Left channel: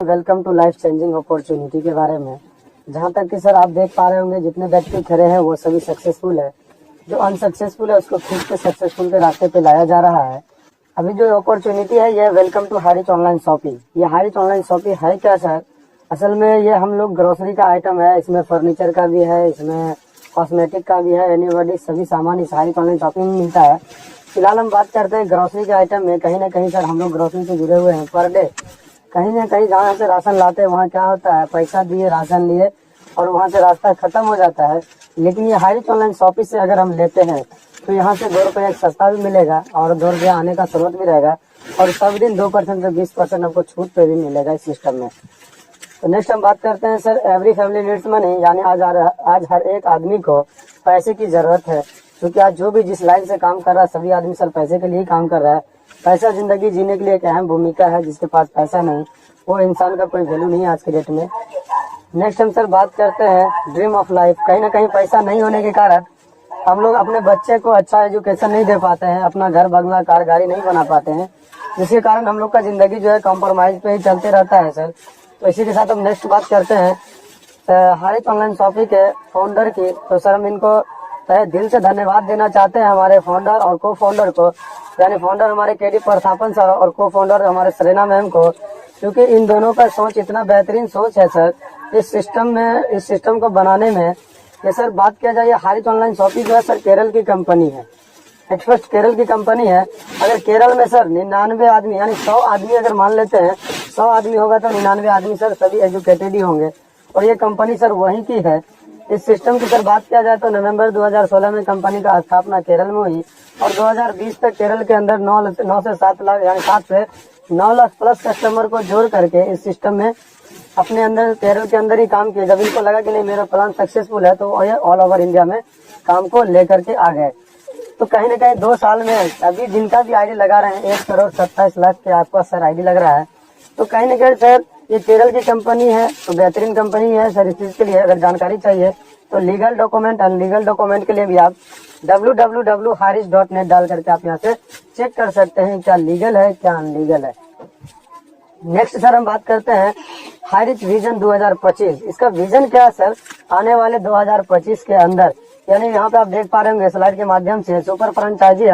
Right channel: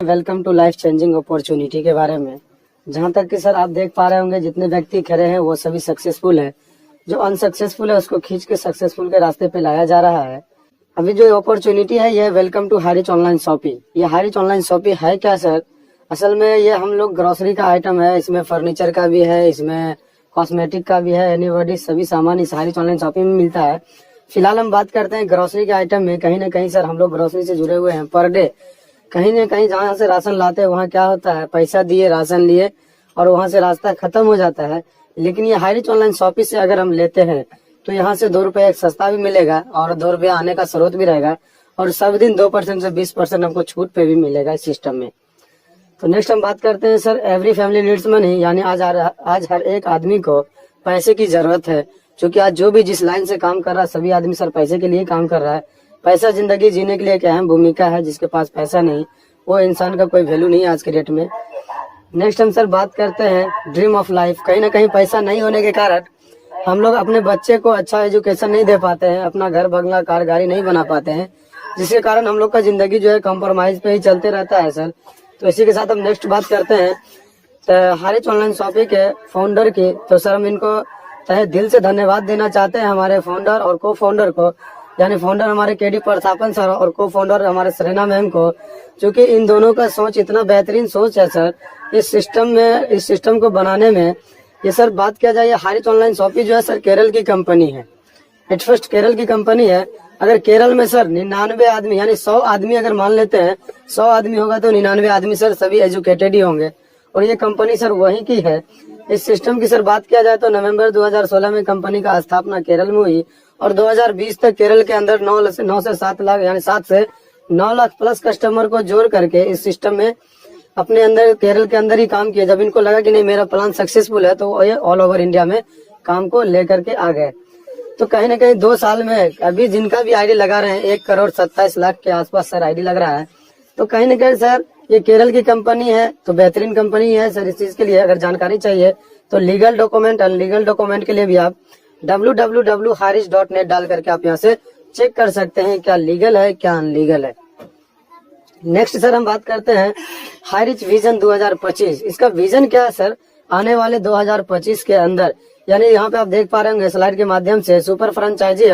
Welcome to life changing opportunity के बारे में। जहां तक कि सर आप देख पा रहे होंगे जितने व्यक्ति खड़े हैं वो सभी सक्सेसफुल है। जो अनसक्सेसफुल है उसको खींच के सक्सेसफुल के रास्ते पे लाया जा रहा है। अभी जो अपॉर्चुनिटी है ये वेलकम टू हारिच ऑनलाइन शॉपिंग। ये हारिच ऑनलाइन शॉपिंग है क्या सर? असल में ये हम लोग ग्रोसरी का आइटम है, इसमें फर्नीचर का भी है, इसमें कॉस्मेटिक का भी है, एनीबॉडी सभी सामान इस हारिच ऑनलाइन शॉपिंग में मिलता है। फिलहाल हम बात करते हैं ग्रोसरी के आइटम में। कहीं ना कहीं सर हम लोग ग्रोसरी से जुड़े हुए हैं। पर डे कहीं ना कहीं जहाँ से राशन लाते हैं वहाँ क्या होता है, पैसा दिए राशन लिए और वहाँ से रास्ता खत्म हो जाता है। लेकिन ये हारिच ऑनलाइन शॉपिंग से अगर हम लेते हैं तो यहाँ से 2 रुपये सस्ता भी मिलेगा और 2 रुपया आने का स्रोत भी रहेगा और सब दिन 2% से 20% हमको छूट पे भी मिलेगा इस सिस्टम में। तो नेक्स्ट हम बात करते हैं sir every family needs money, यानी आज हर एक आदमी को पैसे की जरूरत है। क्योंकि आज जो भी जिस लाइन से काम कर रहा है सभी आदमी सर पैसे के लिए काम कर रहा है। पैसा जिंदगी जीने के लिए एक अहम भूमिका है। जिसके पास पैसा नहीं वो इंसान का कोई वैल्यू नहीं है आज के डेट में। नेक्स्ट हम सर बात करते हैं ड्रीम ऑफ लाइफ। कहीं ना कहीं पैसा नहीं होने के कारण हम लोग अपने बच्चे को अच्छा एजुकेशन नहीं दे पाते हैं, अपना घर बंगला कार गाड़ी नहीं बना पाते हैं, जिसके कारण हम लोग का जिंदगी जो है कॉम्प्रोमाइज पे ही चलते रहता है सर। तो इसी के साथ हम नेक्स्ट बात करते हैं हारिच ऑनलाइन शॉपिंग के फाउंडर की। तो सर हम इनको तहे दिल से धन्यवाद देना चाहते हैं, हमारे फाउंडर और को फाउंडर को, यानी फाउंडर हमारे केडी प्रतापन सर और को फाउंडर हमारे सरेना मैम को। क्योंकि इन दोनों का सोच इतना बेहतरीन सोच है सर इस सिस्टम को बनाने में। ये सर बात किया जाए हारिच ऑनलाइन शॉपिंग जो है सर केरल की कंपनी है। एट फर्स्ट केरल की कंपनी है। अगर केरल में सर 99 आदमी यानी 100 आदमी अगर मान लेते हैं 100 आदमी होगा तो 99 आदमी सर सभी एजुकेटेड ही होंगे और ये कंपनी सर वहीं की है। इस सिस्टम की सर बात किया जाए तो नवंबर 2016 में कंपनी का स्थापना केरल में हुई और 2020 तक केरल के अंदर 9 से 7 लाख यानी 7 से 9 लाख प्लस कस्टमर को जोड़ करके इस सिस्टम में अपने अंदर केरल के अंदर ही काम किया। जब इनको लगा कि नहीं मेरा प्लान सक्सेसफुल है तो ये ऑल ओवर इंडिया में काम को लेकर के आ गए। तो कहीं ना कहीं 2 साल में अभी जिनका भी आईडी लगा रहे हैं 1,27,00,000 के आसपास सर आईडी लग रहा है। तो कहीं ना कहीं सर ये केरल की कंपनी है तो बेहतरीन कंपनी है सर। इस चीज के लिए अगर जानकारी चाहिए तो लीगल डॉक्यूमेंट अनलीगल डॉक्यूमेंट के लिए भी आप www.harish.net डाल करके आप यहाँ से चेक कर सकते हैं क्या लीगल है क्या अनलीगल है। नेक्स्ट सर हम बात करते हैं हारिच विजन 2025। इसका विजन क्या है सर? आने वाले 2025 के अंदर यानी यहाँ पे आप देख पा रहे होंगे स्लाइड के माध्यम से सुपर फ्रेंचाइजी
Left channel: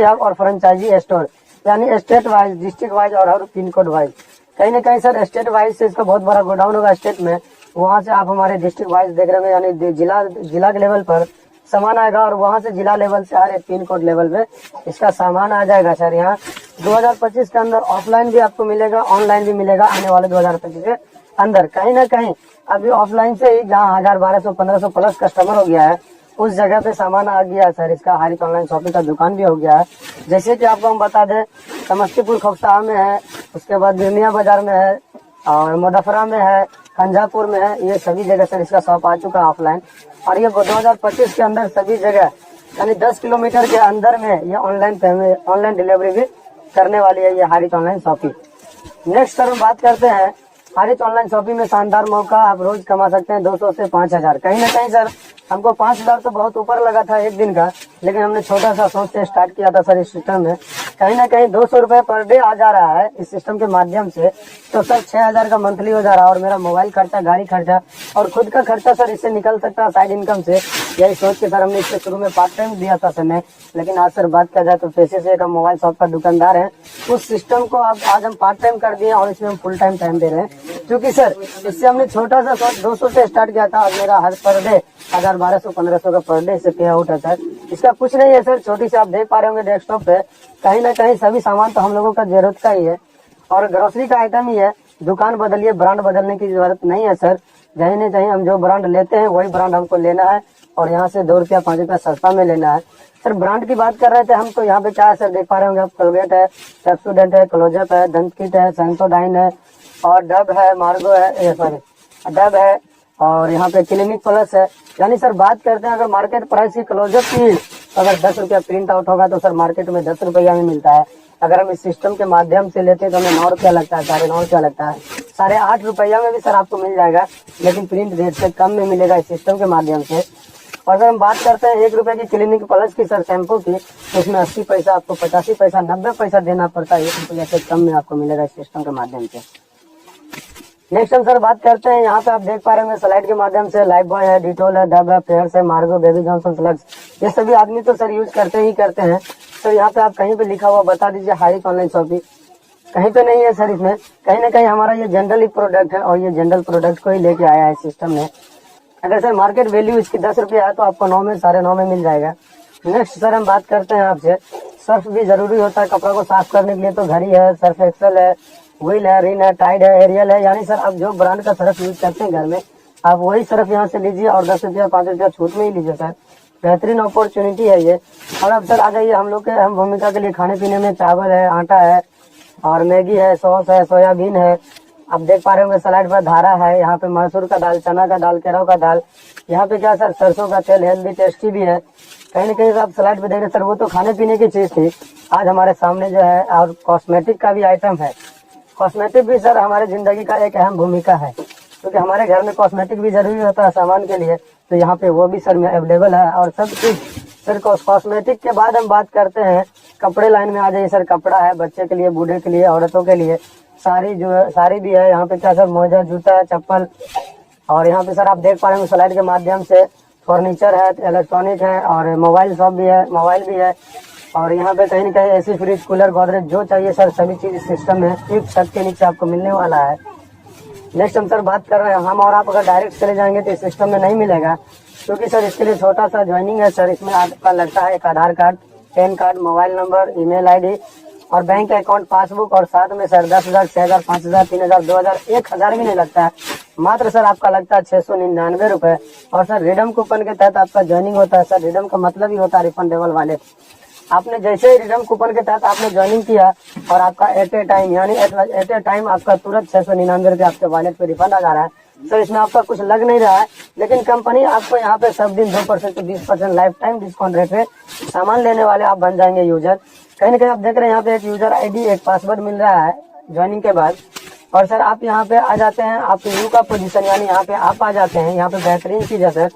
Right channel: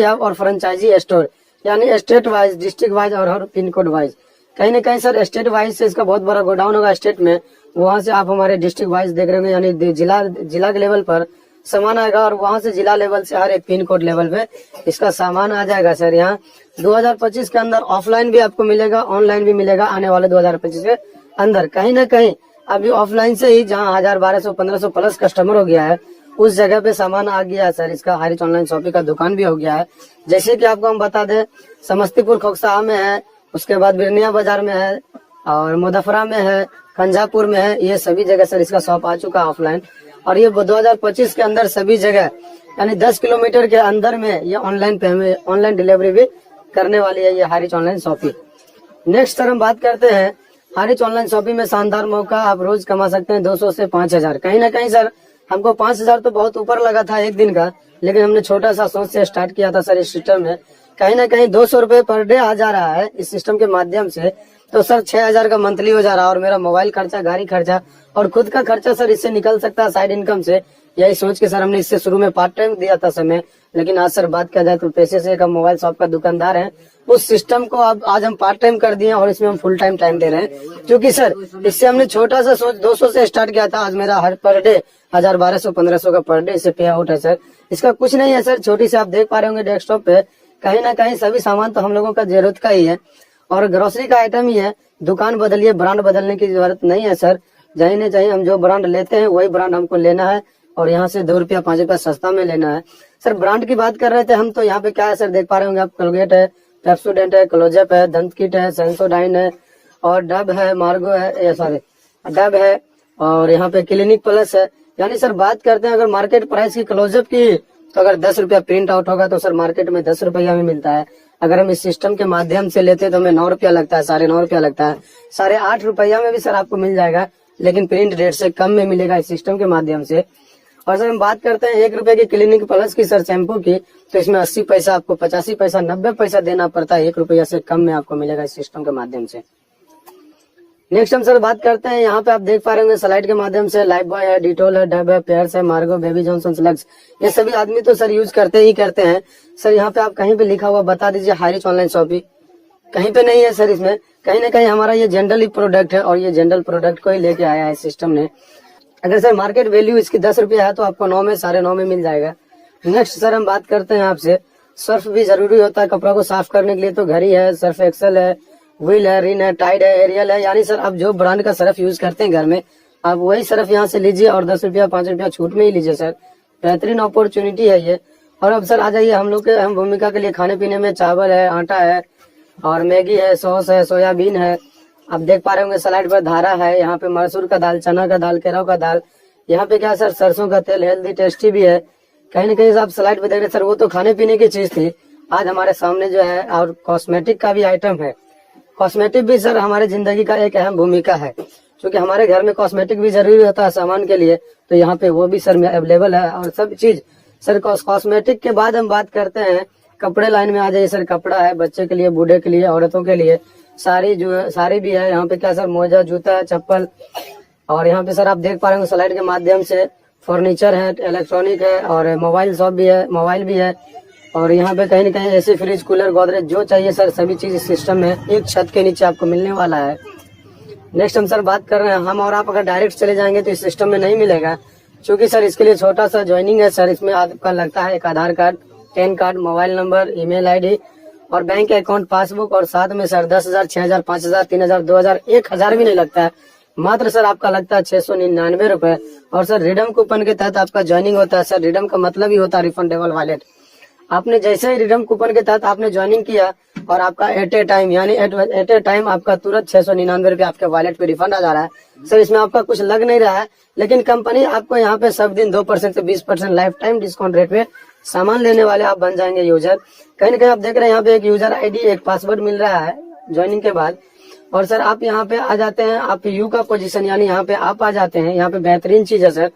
हब और फ्रेंचाइजी स्टोर, यानी स्टेट वाइज, डिस्ट्रिक्ट वाइज और पिन कोड वाइज। कहीं ना कहीं सर स्टेट वाइज से इसका बहुत बड़ा गोडाउन होगा स्टेट में, वहाँ से आप हमारे डिस्ट्रिक्ट वाइज देख रहे होंगे, यानी जिला के लेवल पर सामान आएगा और वहाँ से जिला लेवल से हर एक पिन कोड लेवल पे इसका सामान आ जाएगा सर। यहाँ 2025 के अंदर ऑफलाइन भी आपको मिलेगा, ऑनलाइन भी मिलेगा आने वाले 2025 के अंदर। कहीं ना कहीं अभी ऑफलाइन से ही जहाँ 1000, 1200, 1500 प्लस कस्टमर हो गया है उस जगह पे सामान आ गया है सर। इसका हारिच ऑनलाइन शॉपिंग का दुकान भी हो गया है। जैसे कि आपको हम बता दें समस्तीपुर खोखसा में है, उसके बाद बिरनिया बाजार में है और मुजफ्फरा में है, कंजापुर में है। ये सभी जगह सर इसका शॉप आ चुका है ऑफलाइन और ये 2025 के अंदर सभी जगह यानी 10 किलोमीटर के अंदर में ये ऑनलाइन डिलीवरी भी करने वाली है ये हारिच ऑनलाइन शॉपिंग। नेक्स्ट सर हम बात करते हैं हारिच ऑनलाइन शॉपिंग में शानदार मौका, आप रोज कमा सकते हैं 200 से 5000। कहीं ना कहीं सर हमको 5000 तो बहुत ऊपर लगा था एक दिन का, लेकिन हमने छोटा सा सोच से स्टार्ट किया था सर इस सिस्टम में। कहीं ना कहीं 200 रुपए पर डे आ जा रहा है इस सिस्टम के माध्यम से, तो सर 6000 का मंथली हो जा रहा है और मेरा मोबाइल खर्चा, गाड़ी खर्चा और खुद का खर्चा सर इससे निकल सकता है साइड इनकम से। यही सोच के सर हमने इससे शुरू में पार्ट टाइम दिया था समय, लेकिन आज सर बात किया जाए तो पैसे से कम मोबाइल शॉप का दुकानदार है, उस सिस्टम को अब आज हम पार्ट टाइम कर दिए और इसमें हम फुल टाइम दे रहे हैं। क्योंकि सर इससे हमने छोटा सा सोच 200 से स्टार्ट किया था, आज मेरा हर पर डे 1000, 1200, 1500 का पर डे इससे पे आउट है सर। इसका कुछ नहीं है सर, छोटी से आप देख पा रहे होंगे डेस्कटॉप पे कहीं ना कहीं सभी सामान तो हम लोगों का जरूरत का ही है और ग्रोसरी का आइटम ही है। दुकान बदलिए, ब्रांड बदलने की जरूरत नहीं है सर। जहीं नहीं चाहिए हम जो ब्रांड लेते हैं वही ब्रांड हमको लेना है और यहाँ से 2 रुपया 5 रुपया सस्ता में लेना है सर। ब्रांड की बात कर रहे थे हम, तो यहाँ पे क्या है सर देख पा रहे होंगे आप, कोलगेट है, पेप्सोडेंट है, क्लोजअप है, दंत किट है, सेंसोडाइन है और डब है, मार्गो है, डब है और यहाँ पे क्लिनिक प्लस है। यानी सर बात करते हैं अगर मार्केट प्राइस की क्लोजअप की तो अगर 10 रुपया प्रिंट आउट होगा तो सर मार्केट में 10 रुपया में मिलता है। अगर हम इस सिस्टम के माध्यम से लेते हैं तो हमें 9 रुपया लगता है, 9.5 रुपया लगता है, 8.5 रुपया में भी सर आपको मिल जाएगा, लेकिन प्रिंट रेट से कम में मिलेगा इस सिस्टम के माध्यम से। और सर हम बात करते हैं 1 रुपए की क्लिनिक प्लस की सर शैम्पू की, तो इसमें 80 पैसा आपको 85 पैसा 90 पैसा देना पड़ता है, 1 रुपया से कम में आपको मिलेगा इस सिस्टम के माध्यम से। नेक्स्ट हम सर बात करते हैं, यहाँ पे आप देख पा रहे होंगे स्लाइड के माध्यम से लाइफ बॉय है, डिटोल है, डब है, पेयर्स है, मार्गो, बेबी जॉनसन, स्लग्स, ये सभी आदमी तो सर यूज करते ही करते हैं। सर यहाँ पे आप कहीं पे लिखा हुआ बता दीजिए हाई रिच ऑनलाइन शॉपिंग, कहीं पे नहीं है सर। इसमें कहीं ना कहीं हमारा ये जनरल प्रोडक्ट है और ये जनरल प्रोडक्ट को ही लेके आया है सिस्टम ने। अगर सर मार्केट वैल्यू इसकी 10 रुपये है तो आपको 9 में 9.5 में मिल जाएगा। नेक्स्ट सर हम बात करते हैं आपसे, सर्फ भी जरूरी होता है कपड़ों को साफ करने के लिए, तो घड़ी है, सर्फ एक्सेल है, व्हील है, रिन है, टाइड है, एरियल है, यानी सर आप जो ब्रांड का सर्फ यूज करते हैं घर में, आप वही सर्फ यहाँ से लीजिए और 10 रुपया 5 रुपया छूट में ही लीजिए सर। बेहतरीन अपॉर्चुनिटी है ये। और अब सर आ जाइए हम लोग के अहम भूमिका के लिए, खाने पीने में चावल है, आटा है और मैगी है, सॉस है, सोयाबीन है। आप देख पा रहे होंगे स्लाइड पर धारा है, यहाँ पे मसूर का दाल, चना का दाल, केराव का दाल, यहाँ पे क्या सर सरसों का तेल, हेल्दी टेस्टी भी है। कहीं ना कहीं आप स्लाइड पे देख रहे सर, वो तो खाने पीने की चीज थी, आज हमारे सामने जो है और कॉस्मेटिक का भी आइटम है। कॉस्मेटिक भी सर हमारी जिंदगी का एक अहम भूमिका है, क्योंकि हमारे घर में कॉस्मेटिक भी जरूरी होता है सामान के लिए, तो यहाँ पे वो भी सर में अवेलेबल है। और सब चीज सर कॉस्मेटिक के बाद हम बात करते हैं कपड़े लाइन में आ जाइए सर। कपड़ा है बच्चे के लिए, बूढ़े के लिए, औरतों के लिए, साड़ी जो है साड़ी भी है यहाँ पे, क्या सर मोजा, जूता, चप्पल। और यहाँ पे सर आप देख पा रहे हैं स्लाइड के माध्यम से फर्नीचर है, इलेक्ट्रॉनिक है और मोबाइल शॉप भी है, मोबाइल भी है। और यहाँ पे कहीं ना कहीं ऐसी फ्रिज, कूलर, गोदरेज जो चाहिए सर सभी चीज इस सिस्टम में एक छत के नीचे आपको मिलने वाला है। नेक्स्ट हम सर बात कर रहे हैं, हम और आप अगर डायरेक्ट चले जाएंगे तो इस सिस्टम में नहीं मिलेगा, क्योंकि सर इसके लिए छोटा सा ज्वाइनिंग है सर। इसमें आपका लगता है एक Aadhaar card, PAN card, mobile number, email ID और बैंक अकाउंट पासबुक, और साथ में सर 10,000, 6,000, 5,000, 3,000, 2,000, 1,000 भी नहीं लगता है, मात्र सर आपका लगता है 699 रुपए। और सर रिडम कूपन के तहत आपका ज्वाइनिंग होता है सर। रिडम का मतलब ही होता है रिफंडेबल वॉलेट। आपने जैसे ही रिडम कूपन के तहत आपने ज्वाइनिंग किया और आपका एट ए टाइम आपका तुरंत 699 रुपये आपके वॉलेट पे रिफंड आ जा रहा है सर। इसमें आपका कुछ लग नहीं रहा है, लेकिन कंपनी आपको यहाँ पे सब दिन 2% से 20% लाइफ टाइम डिस्काउंट रेट पे सामान लेने वाले आप बन जाएंगे यूजर। कहीं ना कहीं आप देख रहे हैं यहाँ पे एक यूजर आईडी, एक पासवर्ड मिल रहा है ज्वाइनिंग के बाद। और सर आप यहाँ पे आ जाते हैं, आप यू का पोजीशन, यानी यहाँ पे आप आ जाते हैं। यहाँ पे बेहतरीन चीज है सर,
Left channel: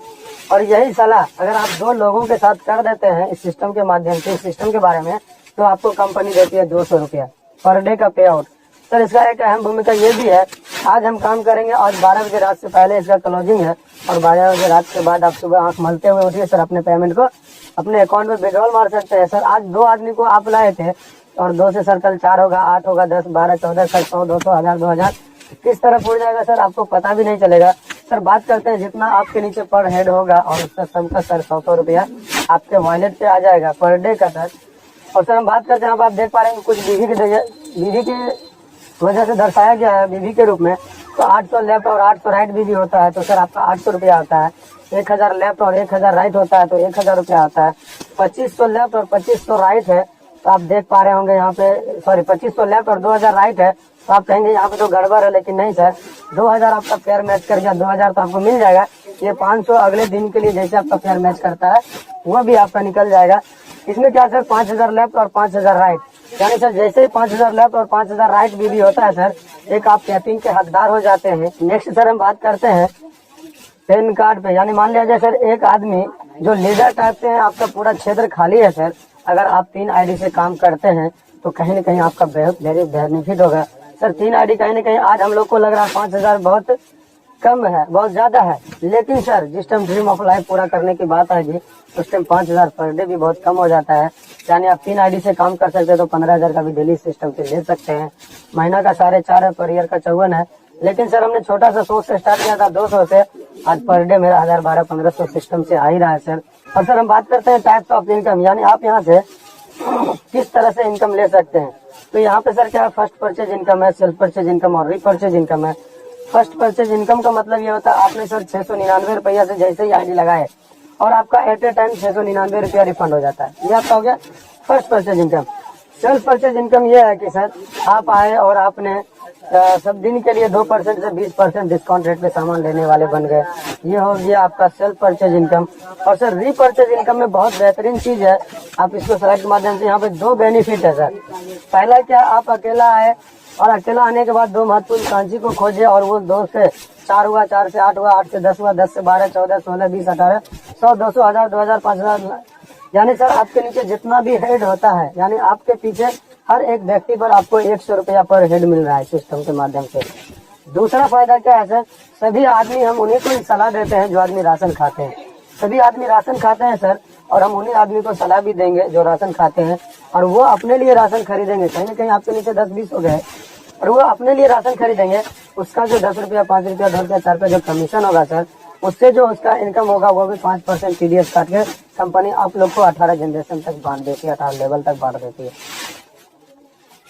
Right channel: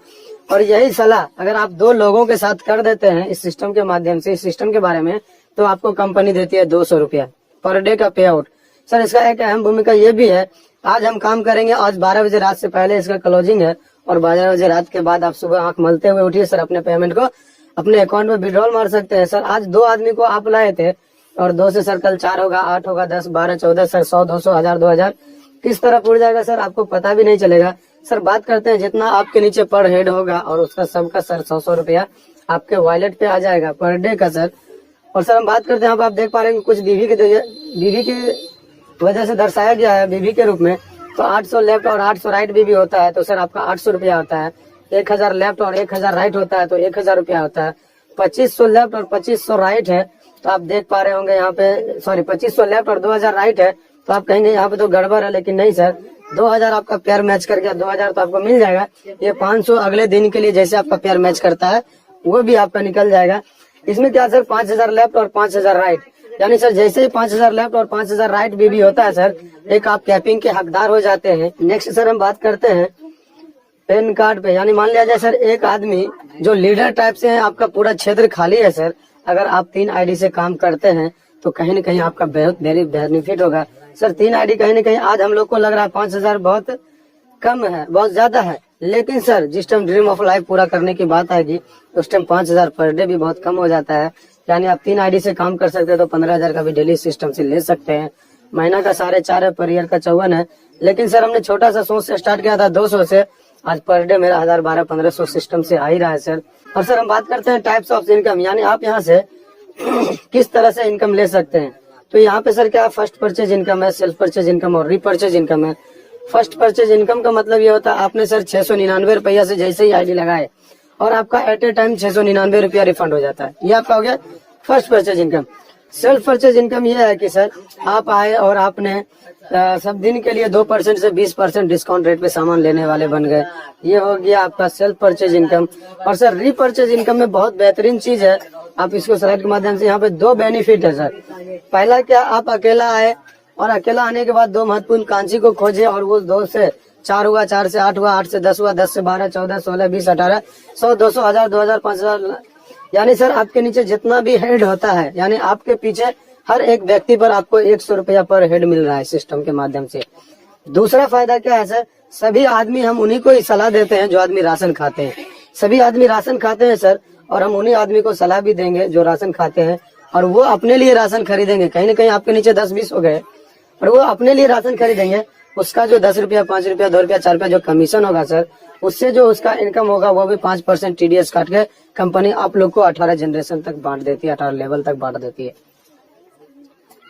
और यही सलाह अगर आप 2 लोगों के साथ कर देते हैं इस सिस्टम के माध्यम से, इस सिस्टम के बारे में, तो आपको कंपनी देती है 200 रुपया पर डे का पे आउट। सर इसका एक अहम भूमिका ये भी है, आज हम काम करेंगे और 12 बजे रात से पहले इसका क्लोजिंग है, और 12 बजे रात के बाद आप सुबह आंख मलते हुए उठिए सर, अपने पेमेंट को अपने अकाउंट में विड्रॉल मार सकते हैं सर। आज 2 आदमी को आप लाए थे और 2 से सर कल 4 होगा, 8 होगा, 10, 12, 14 सर 100, 200, 1000, 2000 किस तरह उड़ जाएगा सर, आपको पता भी नहीं चलेगा। सर बात करते हैं जितना आपके नीचे पर हेड होगा और उसका सबका सर 100 रुपया आपके वॉलेट पे आ जाएगा पर डे का सर। और सर हम बात करते हैं, आप देख पा रहे हैं कुछ बीवी की वजह से दर्शाया गया है बीवी के रूप में, तो 800 लेफ्ट और 800 राइट बीवी होता है, तो सर आपका 800 रुपया आता है। 1000 लेफ्ट और 1000 राइट होता है, तो 1000 रुपया आता है। 2500 लेफ्ट और 2500 राइट है, तो आप देख पा रहे होंगे यहाँ पे, सॉरी 2500 लेफ्ट और 2000 राइट है, तो आप कहेंगे यहाँ पे तो गड़बड़ है, लेकिन नहीं सर, 2000 आपका पेयर मैच कर गया, 2000 तो आपको मिल जाएगा। ये 500 अगले दिन के लिए जैसे आपका पेयर मैच करता है वो भी आपका निकल जाएगा। इसमें क्या सर 5000 लेफ्ट और 5000 राइट, यानी सर जैसे ही 5000 लेफ्ट और 5000 राइट भी होता है सर, एक आप कैपिंग के हकदार हो जाते हैं। नेक्स्ट सर हम बात करते हैं पैन कार्ड पे, यानी मान लिया जाए सर एक आदमी जो लीडर टाइप से है, आपका पूरा क्षेत्र खाली है सर, अगर आप 3 आईडी से काम करते हैं तो कहीं न कहीं आपका वेरी बेनिफिट होगा सर। 3 आईडी कहीं न कहीं आज हम लोग को लग रहा है 5000 बहुत कम है, बहुत ज्यादा है, लेकिन सर जिस टाइम ड्रीम ऑफ लाइफ पूरा करने की बात आएगी उस टाइम 5000 पर डे भी बहुत कम हो जाता है। यानी आप 3 आईडी से काम कर सकते हैं तो 15,000 का भी डेली सिस्टम से ले सकते हैं। महीना का 4.5 है, पर ईयर का 54 है, लेकिन सर हमने छोटा सा 100 से स्टार्ट किया था, 200 से, आज पर डे मेरा 1000, 1200, 1500 सिस्टम से आ ही रहा है सर। और सर हम बात करते हैं टाइप्स ऑफ इनकम, यानी आप यहाँ से किस तरह से इनकम ले सकते हैं। तो यहाँ पे सर क्या फर्स्ट परचेज इनकम है, सेल्फ परचेज इनकम और रीपरचेज इनकम है। फर्स्ट परचेज इनकम का मतलब ये होता है आपने सर 699 रुपया से जैसे ही आईडी लगाए और आपका एट ए टाइम 699 रुपया रिफंड हो जाता है, ये आपका हो गया first purchase income. Self purchase income ये है कि सर आप आए और आपने सब दिन के लिए 2% से 20% डिस्काउंट रेट पे सामान लेने वाले बन गए, ये हो गया आपका सेल्फ परचेज इनकम। और सर रीपरचेज इनकम में बहुत बेहतरीन चीज है, आप इसको स्लाइड के माध्यम से, यहाँ पे 2 बेनिफिट है सर। पहला क्या, आप अकेला आए और अकेला आने के बाद 2 महत्वपूर्ण कांची को खोजे और वो 2 से 4 हुआ, 4 से 8 हुआ, 8 से 10 हुआ, 10 से 12, 14, 16, 20, 18, 100, 200, 1000, 2000, 5000, यानी सर आपके नीचे जितना भी हेड होता है, यानी आपके पीछे हर एक व्यक्ति पर आपको 100 रुपया पर हेड मिल रहा है सिस्टम के माध्यम से। दूसरा फायदा क्या है सर, सभी आदमी हम उन्हीं को ही सलाह देते हैं जो आदमी राशन खाते हैं। सभी आदमी राशन खाते हैं सर, और हम उन्हीं आदमी को सलाह भी देंगे जो राशन खाते हैं, और वो अपने लिए राशन खरीदेंगे। कहीं ना कहीं आपके नीचे 10-20 हो गए और वो अपने लिए राशन खरीदेंगे, उसका जो 10 रुपया, 5 रुपया, 2 रुपया, 4 रुपया जो कमीशन होगा सर, उससे जो उसका इनकम होगा वो भी 5% TDS काट के कंपनी आप लोग को 18 जनरेशन तक बांट देती है, 18 लेवल तक बांट देती है।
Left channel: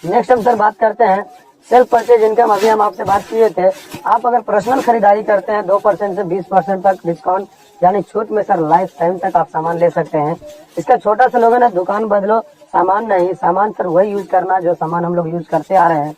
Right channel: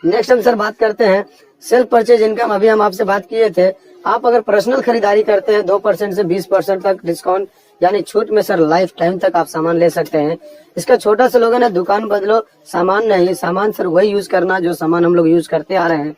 नेक्स्ट हम सर बात करते हैं सेल्फ परचेज इनकम। अभी हम आपसे बात किए थे, आप अगर पर्सनल खरीदारी करते हैं 2% से 20% तक डिस्काउंट यानी छूट में सर लाइफ टाइम तक आप सामान ले सकते हैं। इसका छोटा सा लोगों ने दुकान बदलो, सामान नहीं, सामान सर वही यूज करना जो सामान हम लोग यूज करते आ रहे हैं।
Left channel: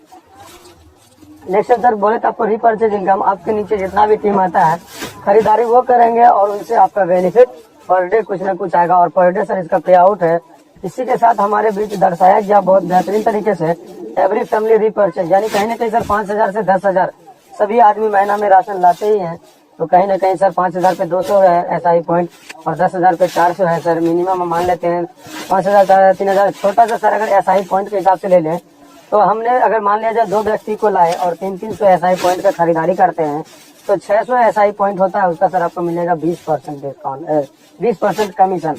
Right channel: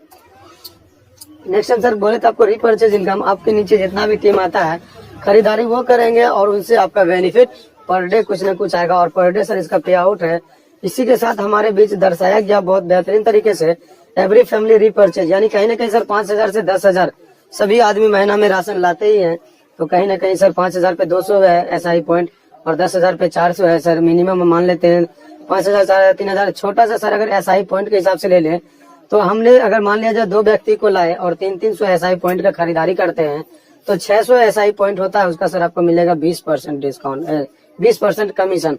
नेक्स्ट सर बोले तो आपको रीपर्चेज इनकम, आपके नीचे जितना भी टीम आता है खरीदारी वो करेंगे और उनसे आपका बेनिफिट पर डे कुछ ना कुछ आएगा, और पर डे सर इसका पे आउट है। इसी के साथ हमारे बीच दर्शाया गया बहुत बेहतरीन तरीके से एवरी फैमिली रीपर्चेज, यानी कहीं ना कहीं सर 5,000 से 10,000 सभी आदमी महीना में राशन लाते ही हैं, तो कहीं ना कहीं सर 5,000 पे 200 है SI पॉइंट और 10,000 पे 400 है सर। मिनिमम हम मान लेते हैं 5,000, 4,000, 3,000। छोटा सा सर अगर SI पॉइंट के हिसाब से ले लें तो हमने अगर मान लिया जाए 2 व्यक्ति को लाए और 300 SI पॉइंट का खरीदारी करते हैं तो 600 SI पॉइंट होता है, उसका सर आपको मिलेगा 20% डिस्काउंट, 20% कमीशन।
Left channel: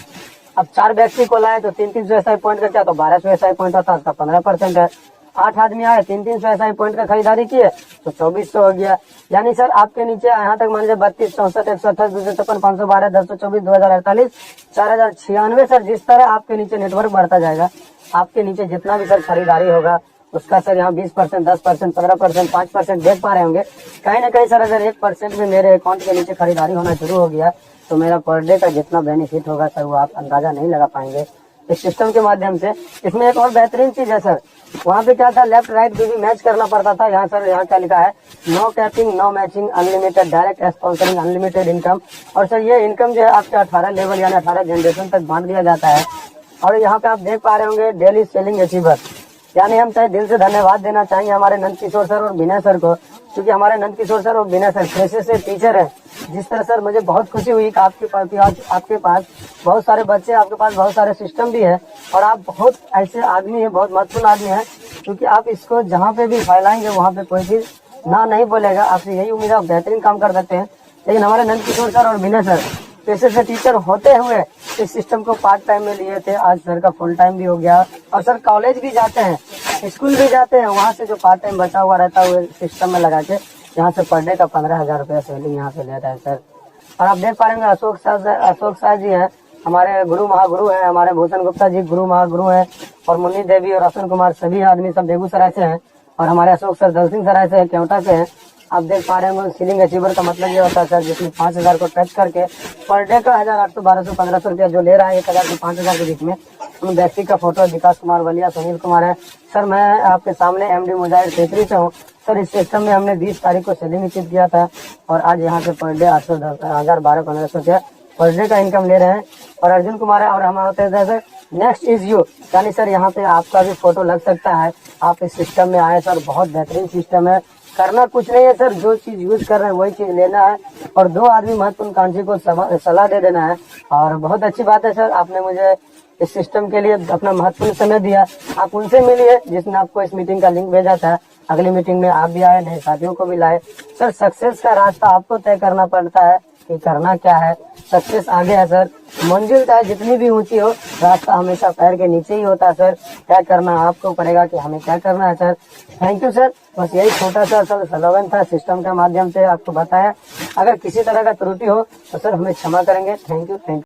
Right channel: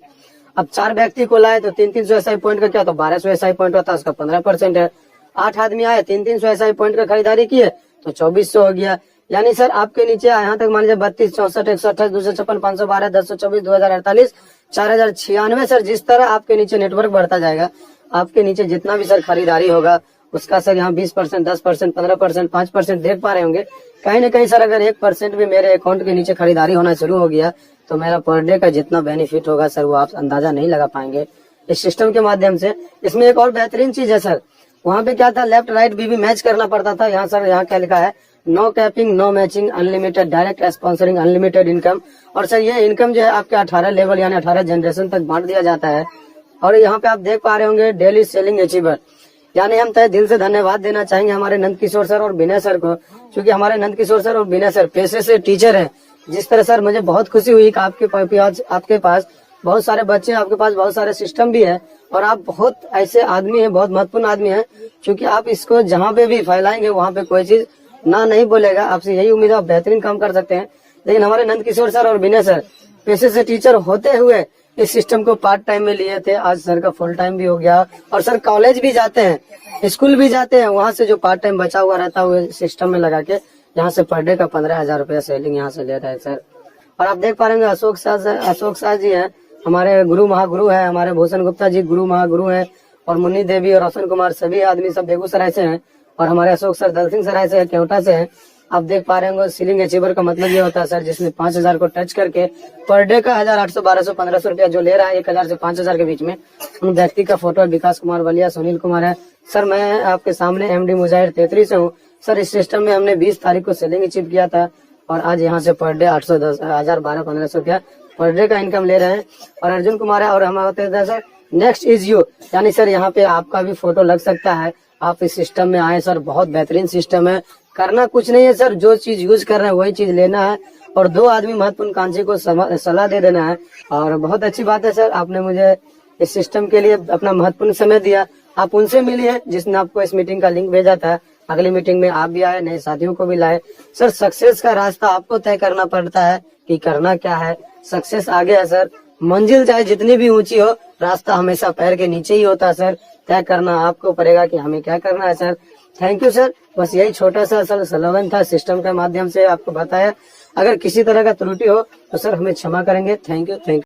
अब 4 व्यक्ति को लाए तो 300 SI पॉइंट का क्या, तो 1200 SI पॉइंट होता है, उसका 15% है। 8 आदमी आए 300 SI पॉइंट का खरीदारी किए तो 2400 हो गया। यानी सर आपके नीचे यहाँ तक मान लीजिए 32, 64, 128, 256, 512, 1024, 2048, 4096 सर। जिस तरह आपके नीचे नेटवर्क बढ़ता जाएगा, आपके नीचे जितना भी सर खरीदारी होगा उसका सर यहाँ 20%, 10%, 15%, 5% देख पा रहे होंगे। कहीं ना कहीं सर अगर 1% भी मेरे अकाउंट के नीचे खरीदारी होना शुरू हो गया तो मेरा पर डे का जितना बेनिफिट होगा सर वो आप अंदाजा नहीं लगा पाएंगे इस सिस्टम के माध्यम से। इसमें एक और बेहतरीन चीज है सर, वहाँ पे क्या था, लेफ्ट राइट भी मैच करना पड़ता था। यहाँ सर यहाँ क्या लिखा है, no capping, no matching, unlimited direct sponsoring, unlimited income. और सर ये इनकम जो है आपके 18 लेवल यानी 18 जनरेशन तक बांट दिया जाता है। और यहाँ पे आप देख पा रहे होंगे डेली सेलिंग अचीवर, यानी हम तय दिल से धन्यवाद देना चाहेंगे हमारे नंद किशोर सर और विनय सर को, क्योंकि हमारे नंद किशोर सर और विनय सर पेशे से टीचर हैं। जिस तरह सर मुझे बहुत खुशी हुई कि आपके पास बहुत सारे बच्चे, आपके पास बहुत सारे सिस्टम भी है और आप बहुत ऐसे आदमी हैं, बहुत महत्वपूर्ण आदमी हैं, क्योंकि आप इसको जहाँ पे भी फैलाएंगे वहाँ पे कोई चीज ना नहीं बोलेगा। आपसे यही उम्मीद है, आप बेहतरीन काम कर सकते हैं। लेकिन हमारे नंद किशोर सर और विनय सर पेशे से टीचर होते हुए इस सिस्टम को पार्ट टाइम में लिए थे, आज सर का फुल टाइम भी हो गया। और सर कॉलेज भी जाते हैं, स्कूल भी जाते हैं, वहाँ से जो पार्ट टाइम बचा हुआ रहता है वो सिस्टम में लगा के यहाँ से पर डे का 15,000 रुपया सेलिंग यहाँ से ले रहे हैं सर। और आप देख पा रहे हैं अशोक शाह जी है, हमारे गुरु महागुरु हैं, हमारे भूषण गुप्ता जी गुरु महागुरु हैं, और मुन्नी देवी और रोशन कुमार सभी आदमी सब बेगूसराय से हैं, और हमारे अशोक सर दल सिंह सराय से, केवटा से हैं। आप देख पा रहे होंगे सीलिंग अचीवर का मतलब ये होता है सर जिसमें 5,000 को टच करके पर डे का 1,800, 1,200, 1,500 रुपया जो ले रहा है 1,000 से 5,000 के बीच में, उन व्यक्ति का फोटो है। विकास कुमार वलिया, सुनील कुमार है सर। मैं आपके सामने MD मुजाहिर तेतरी से हूँ सर। इस सिस्टम में हमने 20 तारीख को सेलिंग अचीव किया था और आज यहाँ से पर डे 810, 1,000, 1,200 रुपया पर डे का इनकम ले रहे हैं। और अर्जुन कुमार है, और हम होते हैं सर नेक्स्ट इज यू, यानी सर यहाँ पे आपका भी फोटो लग सकता है। आप इस सिस्टम में आए सर, बहुत बेहतरीन सिस्टम है, करना कुछ नहीं है सर, जो चीज यूज कर रहे हैं वही चीज लेना है और 2 आदमी महत्वपूर्ण कांची को सलाह दे देना है। और बहुत अच्छी बात है सर, आपने मुझे इस सिस्टम के लिए अपना महत्वपूर्ण समय दिया। आप उनसे मिलिए जिसने आपको इस मीटिंग का लिंक भेजा था। अगली मीटिंग में आप भी आए, नए साथियों को भी लाए। सर सक्सेस का रास्ता आपको तय करना पड़ता है कि करना क्या है। सक्सेस आगे है सर, मंजिल चाहे जितनी भी ऊंची हो, रास्ता हमेशा पैर के नीचे ही होता है सर। तय करना आपको पड़ेगा कि हमें क्या करना है सर। थैंक यू सर, बस यही छोटा सा सर स्लोगन था, सिस्टम के माध्यम से आपको बताया। अगर किसी तरह का त्रुटि हो तो सर हमें क्षमा करेंगे। Thank you.